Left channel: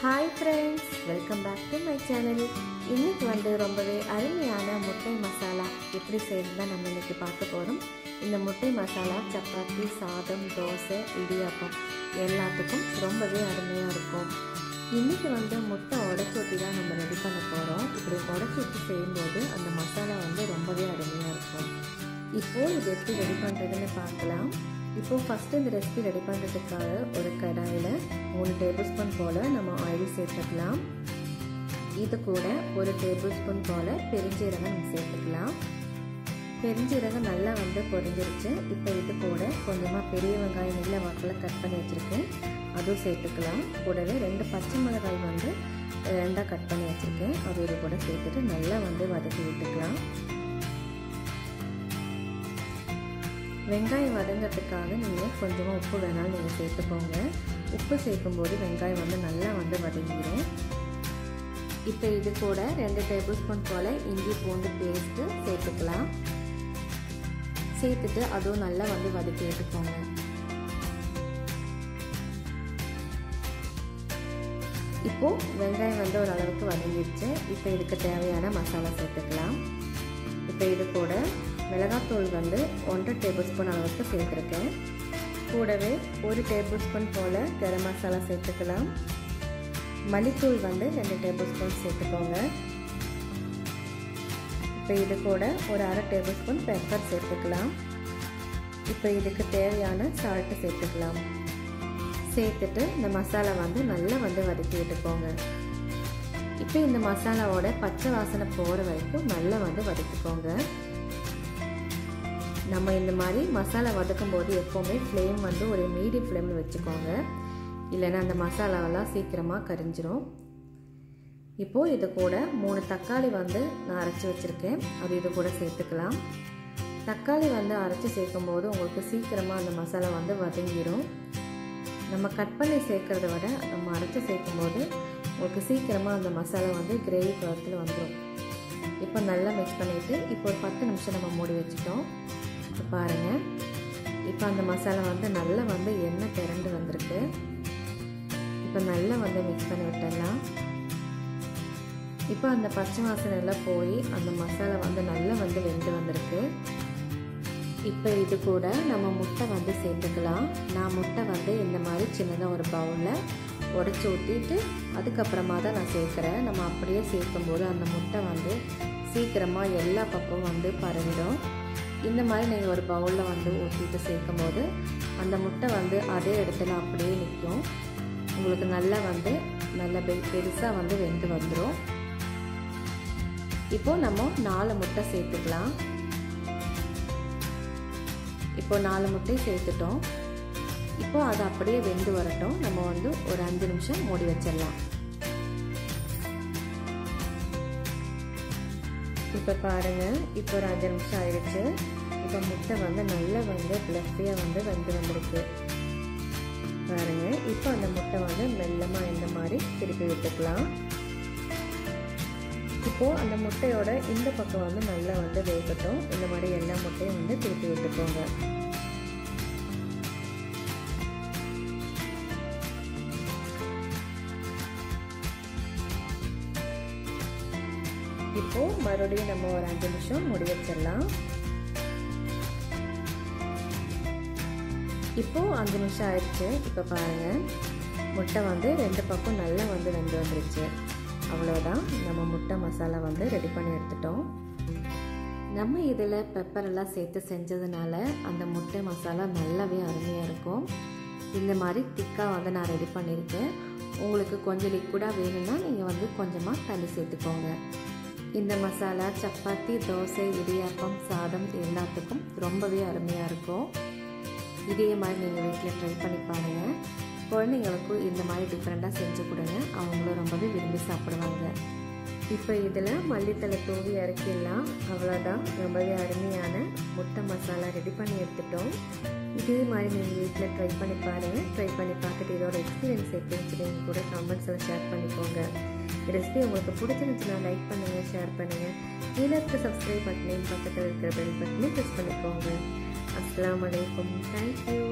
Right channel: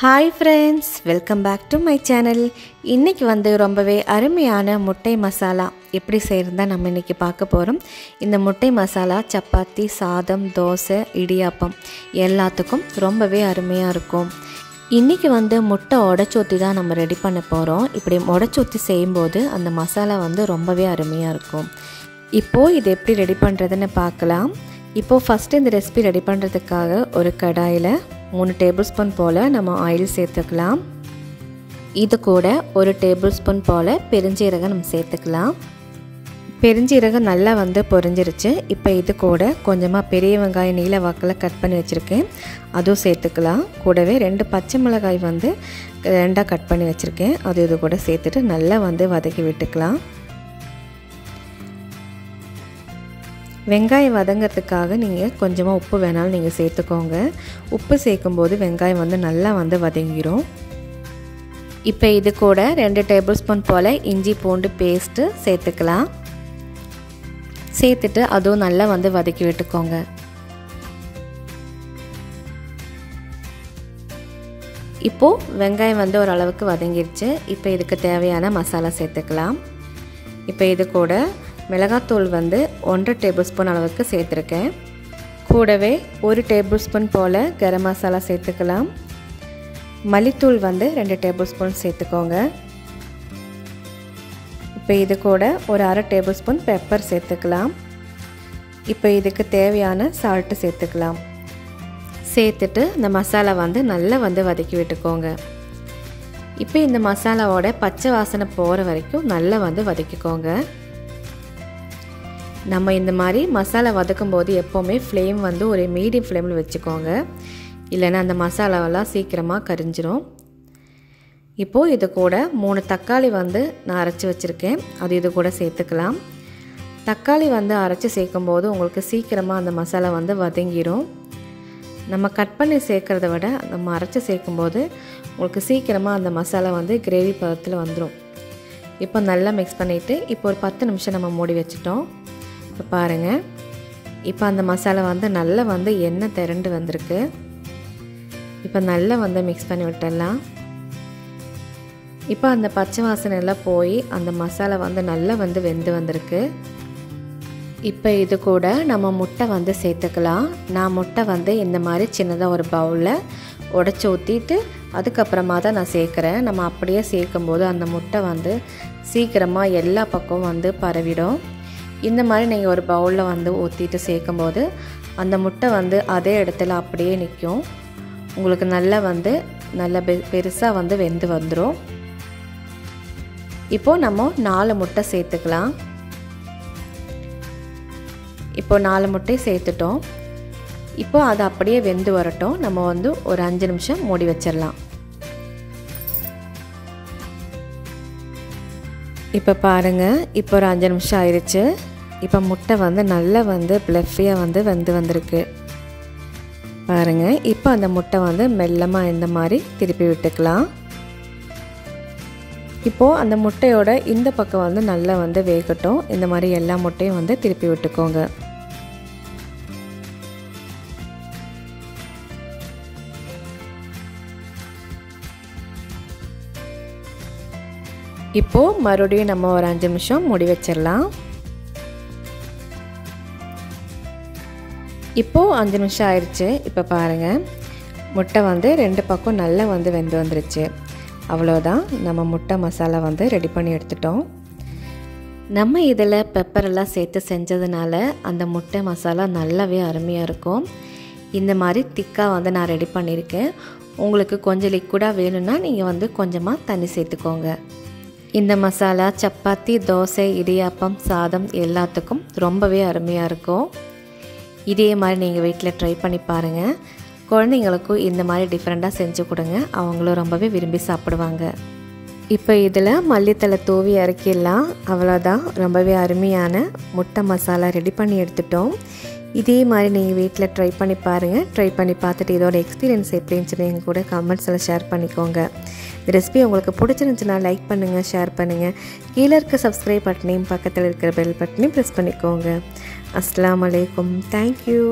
Hi friends, welcome back to my channel. இன்னைக்கு வந்து ரொம்பவே அருமையான முட்டை மசாலா எப்படி செய்யறதா நம்ம இன்னைக்கு பார்க்க போறோம். இந்த முட்டை மசாலா சப்பாத்தி, சாதம், தோசை, இடியாப்பம் எல்லாத்துக்கும் ரொம்பவே அருமையா இருக்கும். இன்னைக்கு வந்து முட்டை உடைச்சூத்தி தான் நம்ம ரெடி பண்ண போறோம். இப்படி உடைச்சூத்தி செய்யும்போது அந்த மசாலா வந்து ரொம்பவே அருமையா இருக்கும். இப்போ இது எப்படி ரெடி பண்றதுன்னு பார்க்கலாம். இப்போ ஃபர்ஸ்ட் இந்த ரெசிபி ரெடி பண்றதுக்காக ஒரு கடாயில 3 டேபிள்ஸ்பூன் போல நம்ம ஆயில் சேர்த்துக்கலாம். இது கூட 1 டேபிள்ஸ்பூன் போல பெருஞ்சீரகம் நம்ம சேர்த்துக்கலாம். பெருஞ்சீரகம் நல்லா வந்து பொரிஞ்சிருச்சு. இப்போ இது கூட கொஞ்சமாக பெரிய வெங்காயம் நீல வாக்கில் கட் பண்ணி வச்சுருக்கேன், அதுவும் சேர்த்துக்கலாம். கூடவே 2 பச்சை மிளகாய் வந்து 2ஆக கட் பண்ணி வச்சுருக்கேன், அது இது கூட சேர்த்துட்டு நல்லா வந்து வதக்கி விட்டுக்கலாம். வெங்காயம் வதங்கிறதுக்காக நீங்கள் கொஞ்சமாக உப்பு வேணாலும் நீங்கள் சேர்த்துக்கோங்க. உப்பு சேர்க்கும்போது வெங்காயம் வந்து நல்லா வந்து வதங்கிடும். இப்போ இது கூட 2 டேபிள்ஸ்பூன் போல் இஞ்சி பூண்டு பேஸ்ட்டு சேர்த்துக்கலாம். சேர்த்துட்டு அதுவும் நல்லா வந்து வதக்கி விட்டுக்கோங்க. இப்போது வெங்காயம் வந்து ஓரளவுக்கு வதங்கிடுச்சு. இப்போ இதுக்கு தேவையான மசாலா சேர்த்துக்கலாம். இப்போ இது கூட மிளகாத்தூள் வந்து 1 டேபிள்ஸ்பூன் அளவுக்கு சேர்த்துருக்கேன். கூடவே 1 டேபிள்ஸ்பூன் போல் கரம் மசாலா சேர்த்துக்கலாம். மல்லித்தூள் வந்து 2 டேபிள்ஸ்பூன் சேர்த்துக்கோங்க. இப்போ இது கூட ஒரு 1/2 டேபிள்ஸ்பூன் பெப்பர் சேர்த்துக்கலாம். இப்போ இதுக்கு தேவையான சால்ட்டு சேர்த்துக்கலாம். சேர்த்துட்டு இந்த மசாலா வந்து நல்லா வந்து வதக்கி விட்டுக்கோங்க. இப்போ இந்த மசாலாவோட பச்சை வாசனை போகிற வரைக்கும் நல்லா வந்து வதக்கிக்கோங்க. நம்ம இந்த மாதிரி மசாலா வதக்கும் போது எப்போவுமே ஃப்ளேம் வந்து ஒரு மீடியம் ஃப்ளேமில் வச்சுக்கோங்க, இல்லைன்னா அந்த மசாலாவெல்லாம் சீக்கிரமாக கரிஞ்சிரும். இப்போது இது கூட 3 தக்காளி வந்து நான் அரைச்சி வச்சுருக்கேன், அது இது கூட சேர்த்துக்கலாம். தக்காளி வந்து அரைச்சி சேர்க்கும்போது உங்களுக்கு சீக்கிரமாக அந்த மசாலா வந்து வதங்கிடும். நம்ம கட் பண்ணி சேர்க்குறத விட நம்ம அரைச்சி சேர்க்கும்போது உங்களுக்கு சீக்கிரமாக அந்த மசாலா வந்து கிரேவி பதத்தில் வந்துடும். இப்போ நல்லா மிக்ஸ் பண்ணிவிட்டு இப்போ ஒரு 10 நிமிஷம் நம்ம மூடி வச்சுட்டோம். இப்போ பாருங்கள், இப்போ அந்த மசாலா வந்து நல்லா வந்து எண்ணெய் திரண்டு வந்திருக்கு. இப்போ நல்லா வந்து மிக்ஸ் பண்ணி விட்டுடலாம். இப்போ அந்த பச்சை வாசனை எல்லாம் போய் அந்த மசாலா வந்து நல்லா வந்து வெந்து வந்திருக்கு. இப்போ இது கூட நம்ம முட்டை வந்து சேர்த்துக்கலாம். நான் முட்டை வந்து இந்த மாதிரி சின்னதாக ஒரு பவுலில் உடச்சி ஊற்றிட்டு அதுக்கப்புறமா தான் நான் சேர்க்குறேன். நம்ம அப்படியே சேர்க்கும்போது அந்த முட்டை வந்து சீக்கிரமாக எல்லா பக்கமும் வந்து பரவிடும். இந்த மாதிரி நீங்கள் ஒரு பவுலில் வந்து ஊற்றிட்டு சேர்க்கும்போது அந்த முட்டை வந்து அதே இடத்துல அப்படியே நிற்கும். உங்களுக்கு நல்லா வந்து நல்ல பெருசாக வந்து வெந்து வந்துடும். இப்போது நம்ம 4 முட்டை சேர்த்துக்கலாம். இப்போ 4 முட்டை சேர்த்துட்டோம். இப்போ அது அப்படியே வெந்து வரட்டும். நம்ம வந்து ஒரு 5 நிமிஷம் மூடி வச்சிடலாம். இப்போ பாருங்கள், இப்போ ஒரு 5 நிமிஷம் ஆயிடுச்சு. இப்போ முட்டை வந்து நல்லா வந்து ப்ளஃபியாக வந்து வெந்து வந்திருக்கு பாருங்கள். இப்போ அந்த முட்டை வந்து மெல்லமாக இந்த மாதிரி திருப்பி விட்டுக்கலாம். இப்போது அந்த முட்டையோட இந்த பக்கம் வந்து நல்லா வந்து வேகட்டும். இந்த மாதிரி எல்லா முட்டையும் வந்து திருப்பி விட்டுக்கோங்க. இப்போது மறுபடியும் நம்ம ஒரு 5 நிமிஷம் மூடி வச்சிடலாம். இப்போது 5 நிமிஷம் ஆயிடுச்சு. இப்போ பாருங்கள், முட்டை வந்து 2 பக்கம் நல்லா வந்து வெந்து வந்துருச்சு. அவ்வளோதான், நம்ம முட்டை மசாலா வந்து ரெடி பண்ணி எடுத்துட்டோம். நம்ம இதில் பெப்பரெல்லாம் சேர்த்து செஞ்சதுனால அந்த முட்டை மசாலா நல்லாவே அருமையாக இருக்கும். இந்த மாதிரி திக்காக வந்து நான் ரெடி பண்ணியிருக்கேன். உங்களுக்கு கொஞ்சம் லிக்விடாக வேணும்னா நீங்கள் வந்து கொஞ்சமாக தண்ணி சேர்த்துக்கோங்க. இந்த மசாலா சப்பாத்தி, தோசை, இடியாப்பம், சாதம் எல்லாத்துக்கும் ரொம்பவே அருமையாக இருக்கும். இதே மாதிரி நீங்கள் வீட்டில் ட்ரை பண்ணி பாருங்கள். குழந்தைங்களுக்கும் இந்த மாதிரி டிஃப்ரெண்ட்டாக செஞ்சு கொடுங்க, அவங்களும் ரொம்பவே விரும்பி சாப்பிடுவாங்க. இப்போ இதில் மல்லித்தலை தூவி இறக்கிடலாம். அவ்வளோதான், ரொம்பவே அருமையான முட்டை மசாலா ரெடி பண்ணி எடுத்துட்டோம். இதே மாதிரி நீங்கள் வீட்டில் ட்ரை பண்ணி பாருங்கள். ட்ரை பண்ணி பார்த்துட்டு இதோட எக்ஸ்பீரியன்ஸ் எப்படின்னு சொல்லி எங்கள் கூட கமெண்ட்ஸில் ஷேர் பண்ணிக்கோங்க. இந்த ரெசிபி உங்களுக்கு பிடிச்சிருந்துச்சுன்னா லைக் பண்ணுங்கள், ஷேர் பண்ணுங்கள். கீழே இருக்க சப்ஸ்கிரைப் பட்டனையும் பக்கத்தில் இருக்கிற பெல் பட்டனையும் ப்ரெஸ் பண்ணிக்கோங்க. அஸ்ஸலாமு அலைக்கும். தேங்க்யூ.